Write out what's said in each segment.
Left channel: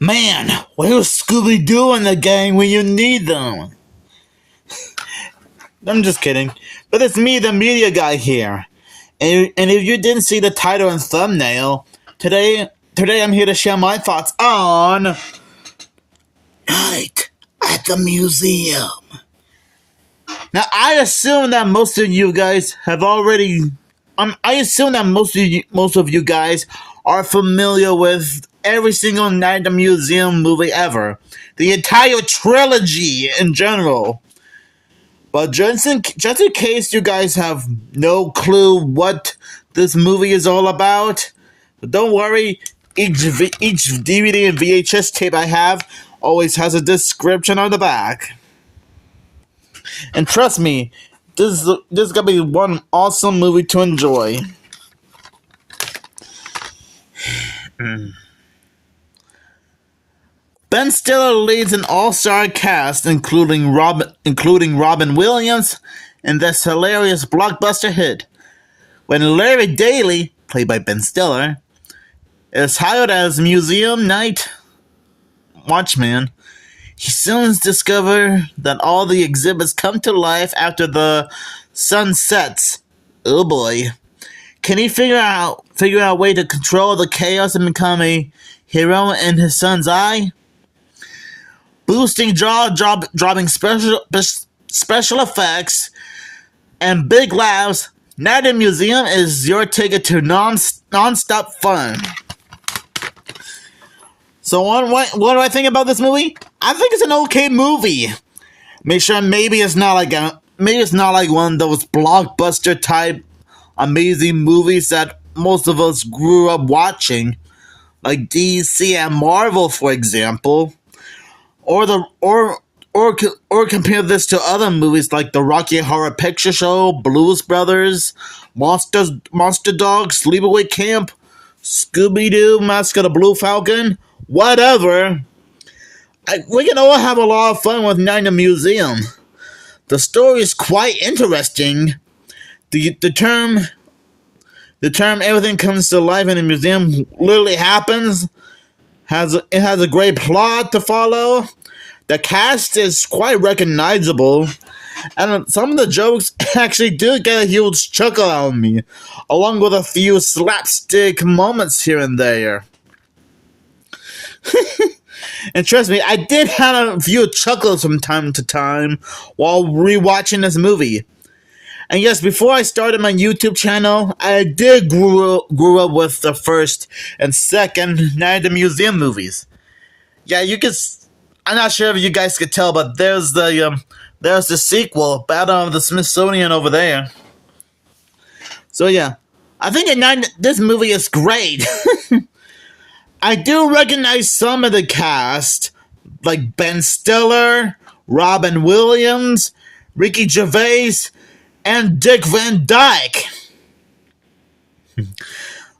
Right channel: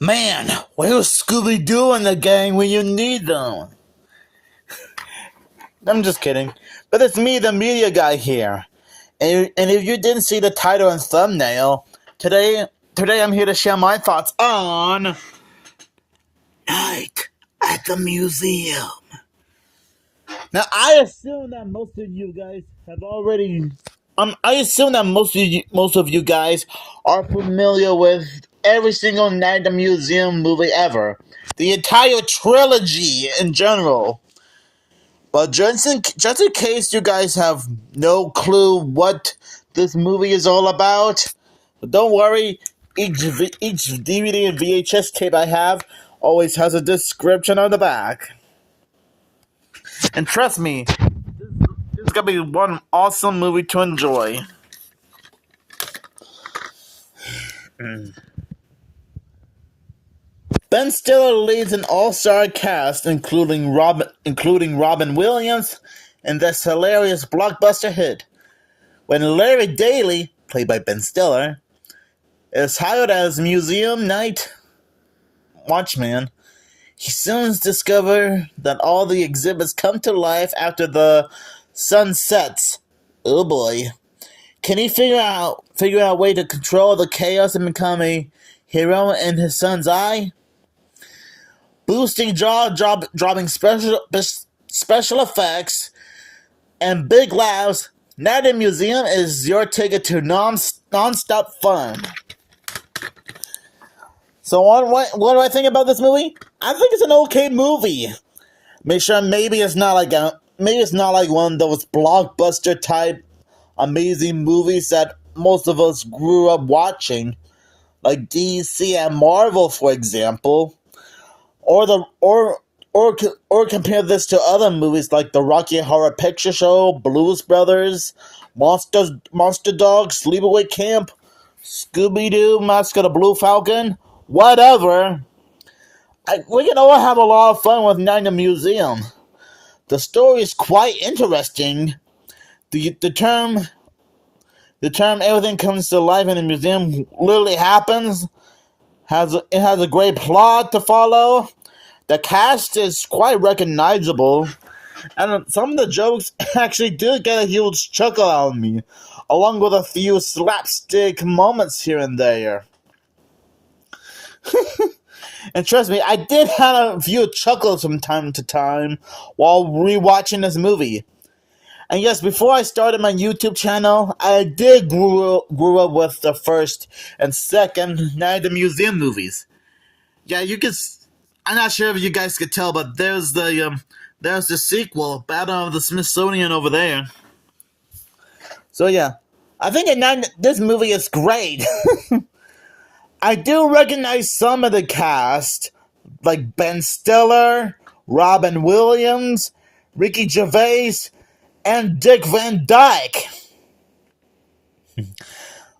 Man, where's Scooby-Doo and the gang when you need them? I'm just kidding. But it's me, the media guy here. And if you didn't see the title and thumbnail, today I'm here to share my thoughts on Night at the Museum. Now, I assume that most of you guys have already... I assume that most of you guys are familiar with every single Night at the Museum movie ever. The entire trilogy in general. But just in case you guys have no clue what this movie is all about, don't worry, each DVD and VHS tape I have always has a description on the back. And trust me, this is gonna be one awesome movie to enjoy. Ben Stiller leads an all-star cast, including Robin Williams, in this hilarious blockbuster hit. When Larry Daly, played by Ben Stiller, is hired as museum night watchman, he soon discovers that all the exhibits come to life after the sun sets. Oh boy. Can he figure out a way to control the chaos and become a hero in his son's eye? Boosting jaw-dropping special effects and big laughs, Night at the Museum is your ticket to non-stop fun. So what do I think about this movie? I think it's an okay movie. Maybe it's not like one of those blockbuster type amazing movies that most of us grew up watching, like DC and Marvel, for example. Or compare this to other movies like the Rocky Horror Picture Show, Blues Brothers, Monster Dog, Sleepaway Camp, Scooby-Doo, Mask of the Blue Falcon, whatever. We can all have a lot of fun with Night in the Museum. The story is quite interesting. The term everything comes to life in the museum literally happens. It has a great plot to follow. The cast is quite recognizable, and some of the jokes actually do get a huge chuckle out of me, along with a few slapstick moments here and there. And trust me, I did have a few chuckles from time to time while rewatching this movie. And yes, before I started my YouTube channel, I did grew up with the first and second Night at the Museum movies. Yeah, I'm not sure if you guys could tell, but there's the sequel, Battle of the Smithsonian, over there. So yeah, I think this movie is great. I do recognize some of the cast, like Ben Stiller, Robin Williams, Ricky Gervais, and Dick Van Dyke.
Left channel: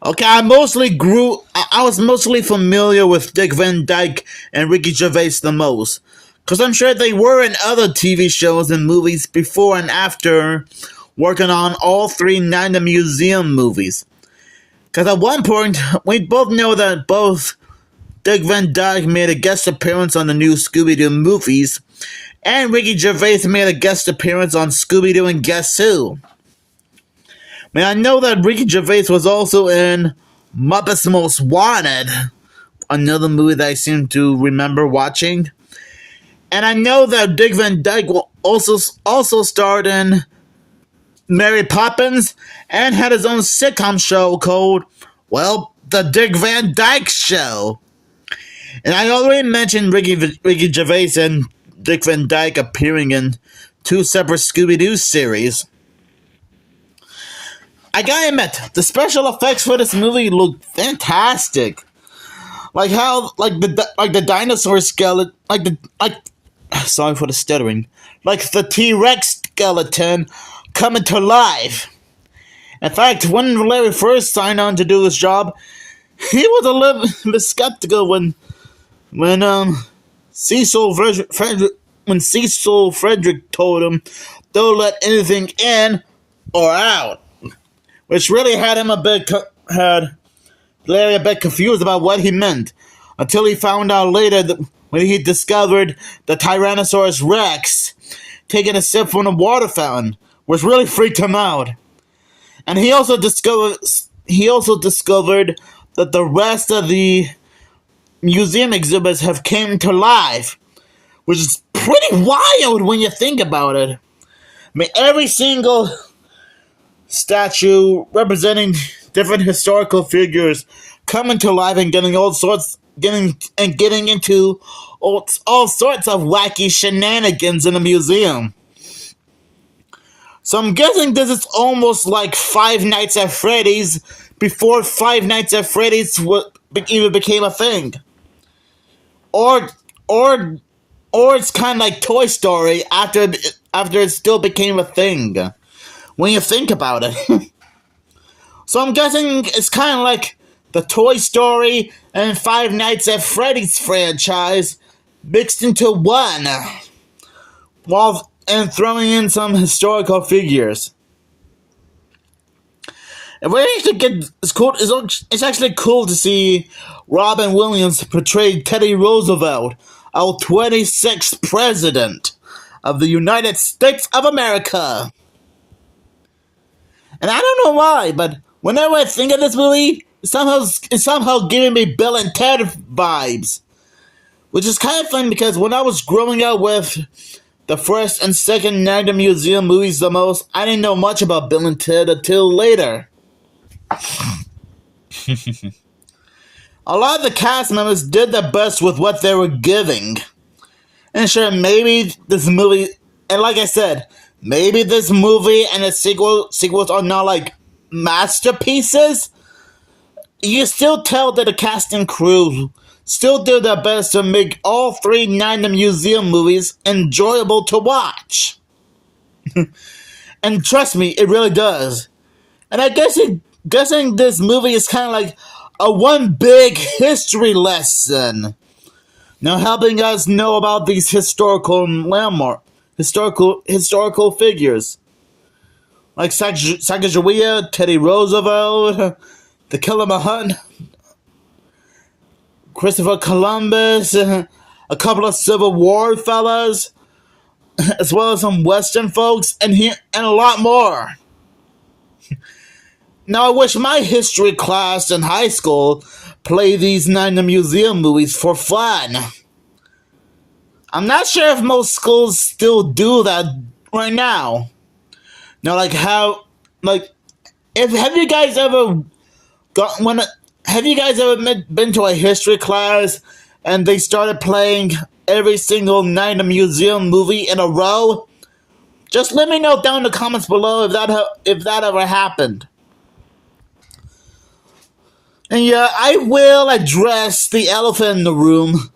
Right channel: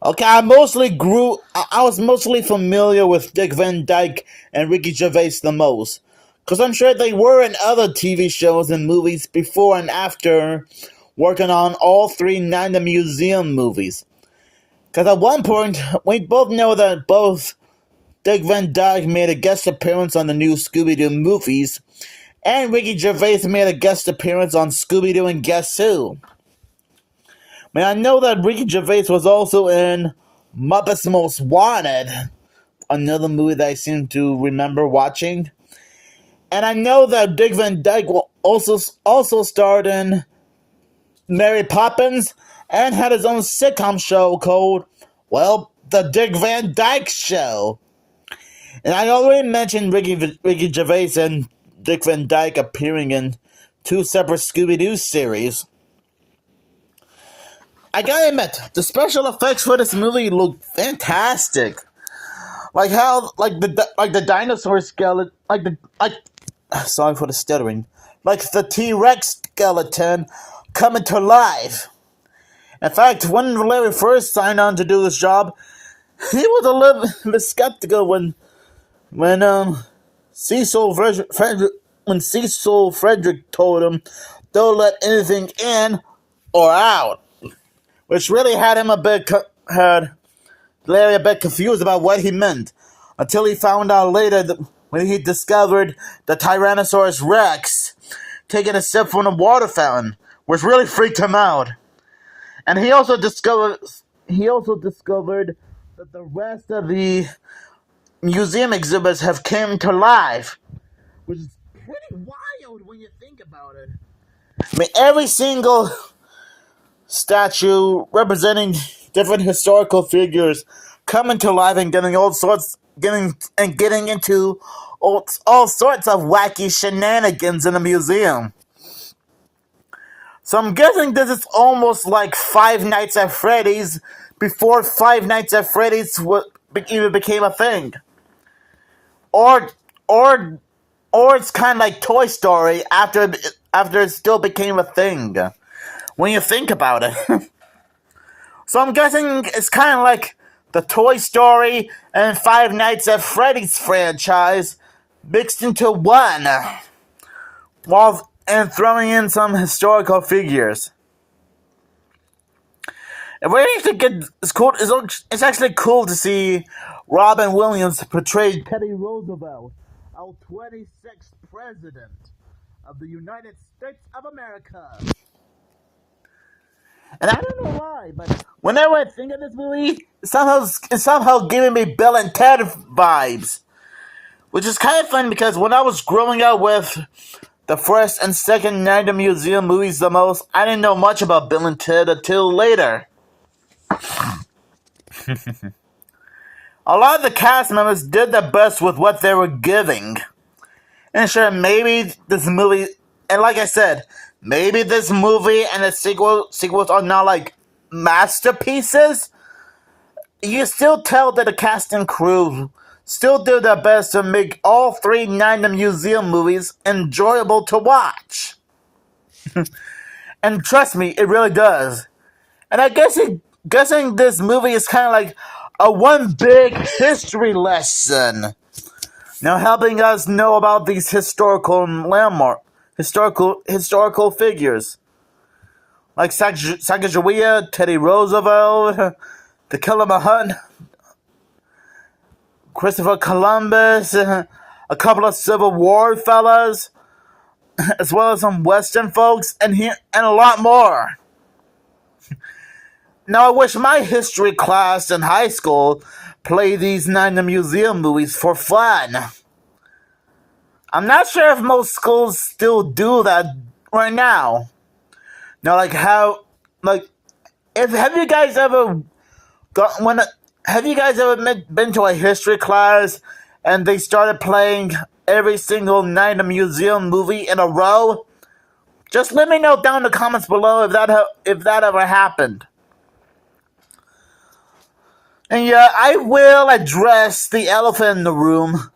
Okay, I was mostly familiar with Dick Van Dyke and Ricky Gervais the most, because I'm sure they were in other TV shows and movies before and after working on all three Night at the Museum movies. Because at one point, we both know that both Dick Van Dyke made a guest appearance on the new Scooby-Doo movies, and Ricky Gervais made a guest appearance on Scooby-Doo and Guess Who. I know that Ricky Gervais was also in Muppets Most Wanted, another movie that I seem to remember watching. And I know that Dick Van Dyke will also starred in Mary Poppins and had his own sitcom show called, The Dick Van Dyke Show. And I already mentioned Ricky Gervais and Dick Van Dyke appearing in two separate Scooby-Doo series. I gotta admit, the special effects for this movie look fantastic. Like the dinosaur skeleton, sorry for the stuttering, like the T-Rex skeleton coming to life. In fact, when Larry first signed on to do this job, he was a little bit skeptical when Cecil Frederick told him, "Don't let anything in or out," which really had Larry a bit confused about what he meant. until he found out later that when he discovered the Tyrannosaurus Rex taking a sip from the water fountain, which really freaked him out. And he also discovered that the rest of the museum exhibits have came to life, which is pretty wild when you think about it. I mean, every single statue representing different historical figures coming to life and getting into all sorts of wacky shenanigans in a museum. So I'm guessing this is almost like Five Nights at Freddy's before Five Nights at Freddy's even became a thing. Or it's kind of like Toy Story after it still became a thing, when you think about it. So I'm guessing it's kind of like the Toy Story and Five Nights at Freddy's franchise mixed into one, and throwing in some historical figures. And what I actually get is cool. It's actually cool to see Robin Williams portray Teddy Roosevelt, our 26th president of the United States of America. And I don't know why, but whenever I think of this movie, it's somehow giving me Bill and Ted vibes. Which is kind of fun because when I was growing up with the first and second Night at the Museum movies the most, I didn't know much about Bill and Ted until later. A lot of the cast members did their best with what they were giving. And sure, maybe this movie, and like I said, maybe this movie and its sequels are not like masterpieces. You still tell that the cast and crew still do their best to make all three Night at the Museum movies enjoyable to watch. And trust me, it really does. And I guessing this movie is kind of like a one big history lesson. Now helping us know about these historical figures. Like Sacagawea, Teddy Roosevelt, the Killer Hunt, Christopher Columbus, a couple of Civil War fellas, as well as some Western folks, and a lot more. Now, I wish my history class in high school played these Night at the Museum movies for fun. I'm not sure if most schools still do that right now. Now, have you guys ever been to a history class and they started playing every single Night at the Museum movie in a row? Just let me know down in the comments below if that ever happened. And yeah, I will address the elephant in the room.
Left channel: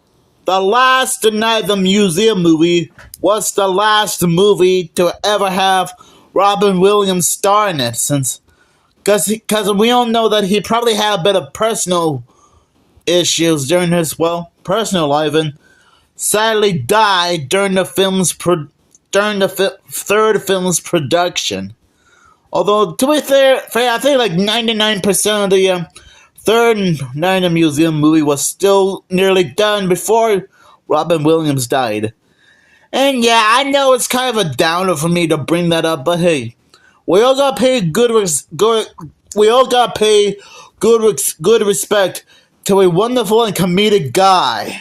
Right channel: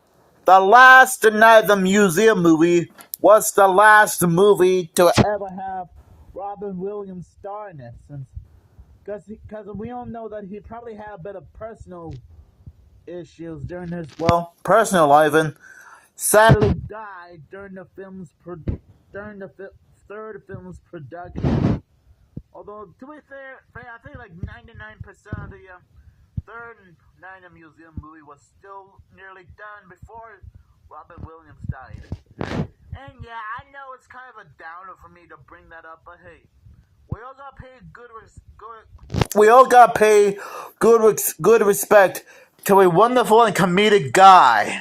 The last Night at the Museum movie was the last movie to ever have Robin Williams star in it, because we all know that he probably had a bit of personal issues during his personal life, and sadly died during the third film's production. Although to be fair, I think like 99% of the third Night at the Museum movie was still nearly done before Robin Williams died. And yeah, I know it's kind of a downer for me to bring that up, but hey, we all gotta pay good respect to a wonderful and comedic guy.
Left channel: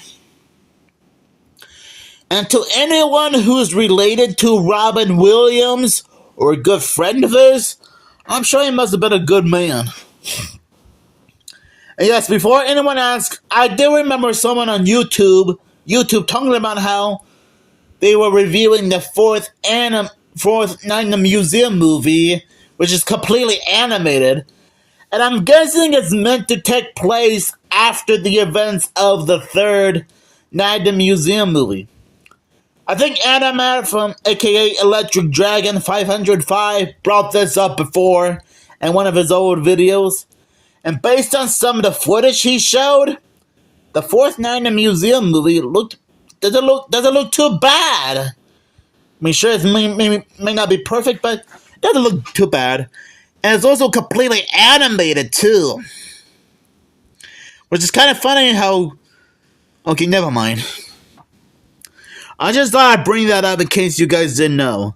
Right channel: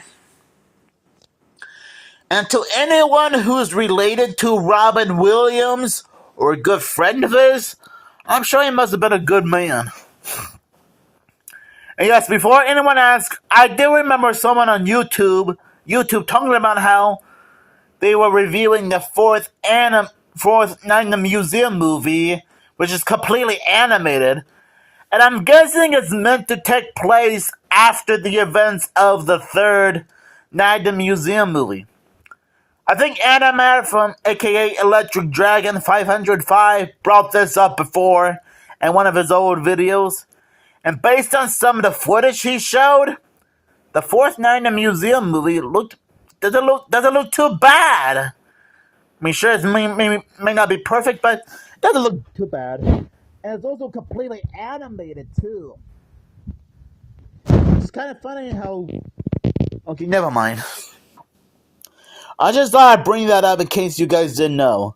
And to anyone who's related to Robin Williams or a good friend of his, I'm sure he must have been a good man. And yes, before anyone asks, I do remember someone on YouTube talking about how they were reviewing the fourth Night at the Museum movie, which is completely animated. And I'm guessing it's meant to take place after the events of the third Night at the Museum movie. I think Animat from aka Electric Dragon 505 brought this up before in one of his old videos. And based on some of the footage he showed, the fourth Night at the Museum movie doesn't look too bad. I mean, sure, it may not be perfect, but it doesn't look too bad. And it's also completely animated too, which is kind of funny how Okay, never mind. I just thought I'd bring that up in case you guys didn't know.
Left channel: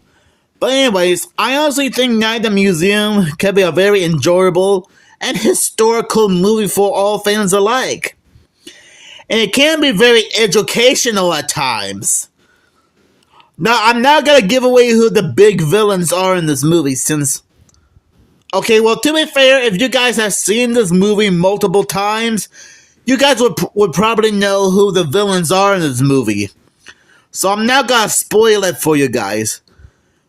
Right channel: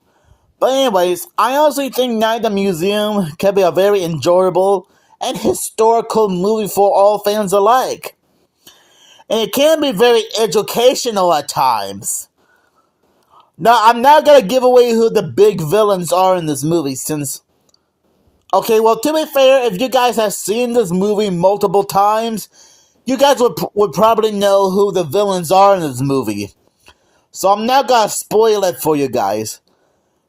But anyways, I honestly think Night at the Museum can be a very enjoyable and historical movie for all fans alike. And it can be very educational at times. Now, I'm not gonna give away who the big villains are in this movie since... Okay, well, to be fair, if you guys have seen this movie multiple times, you guys would probably know who the villains are in this movie. So I'm not gonna spoil it for you guys.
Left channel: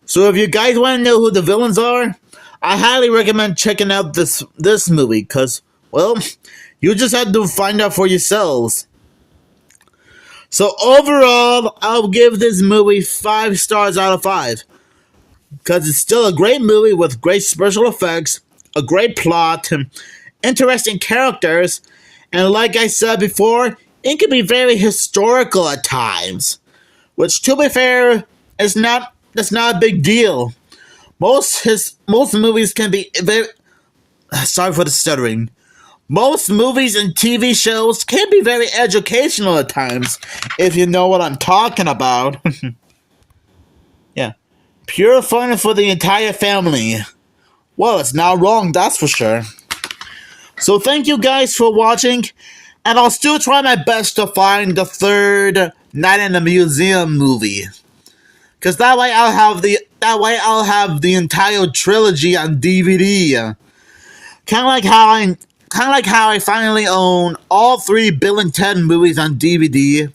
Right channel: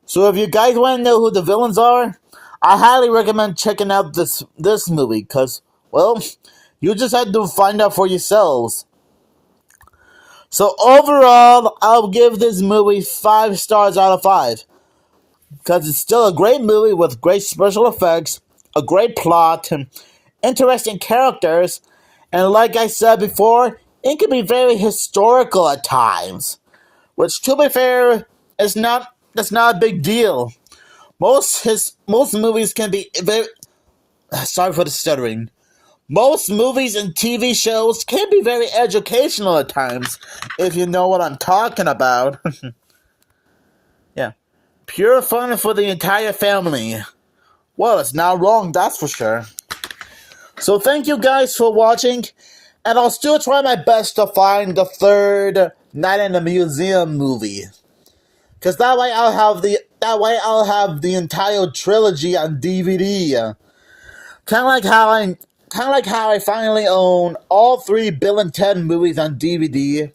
So if you guys want to know who the villains are, I highly recommend checking out this movie, because, well, you just have to find out for yourselves. So overall, I'll give this movie 5 stars out of 5. Because it's still a great movie with great special effects, a great plot, and interesting characters. And like I said before, it can be very historical at times. Which, to be fair, that's not a big deal. Most movies can be very... Sorry for the stuttering. Most movies and TV shows can be very educational at times, if you know what I'm talking about. Yeah. Pure fun for the entire family. Well, it's not wrong, that's for sure. So thank you guys for watching, and I'll still try my best to find the third Night in the Museum movie. Because that way I'll have the entire trilogy on DVD. Kind of like how I finally own all 3 Bill and Ted movies on DVD,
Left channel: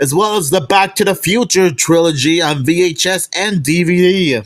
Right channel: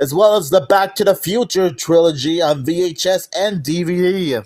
as well as the Back to the Future trilogy on VHS and DVD.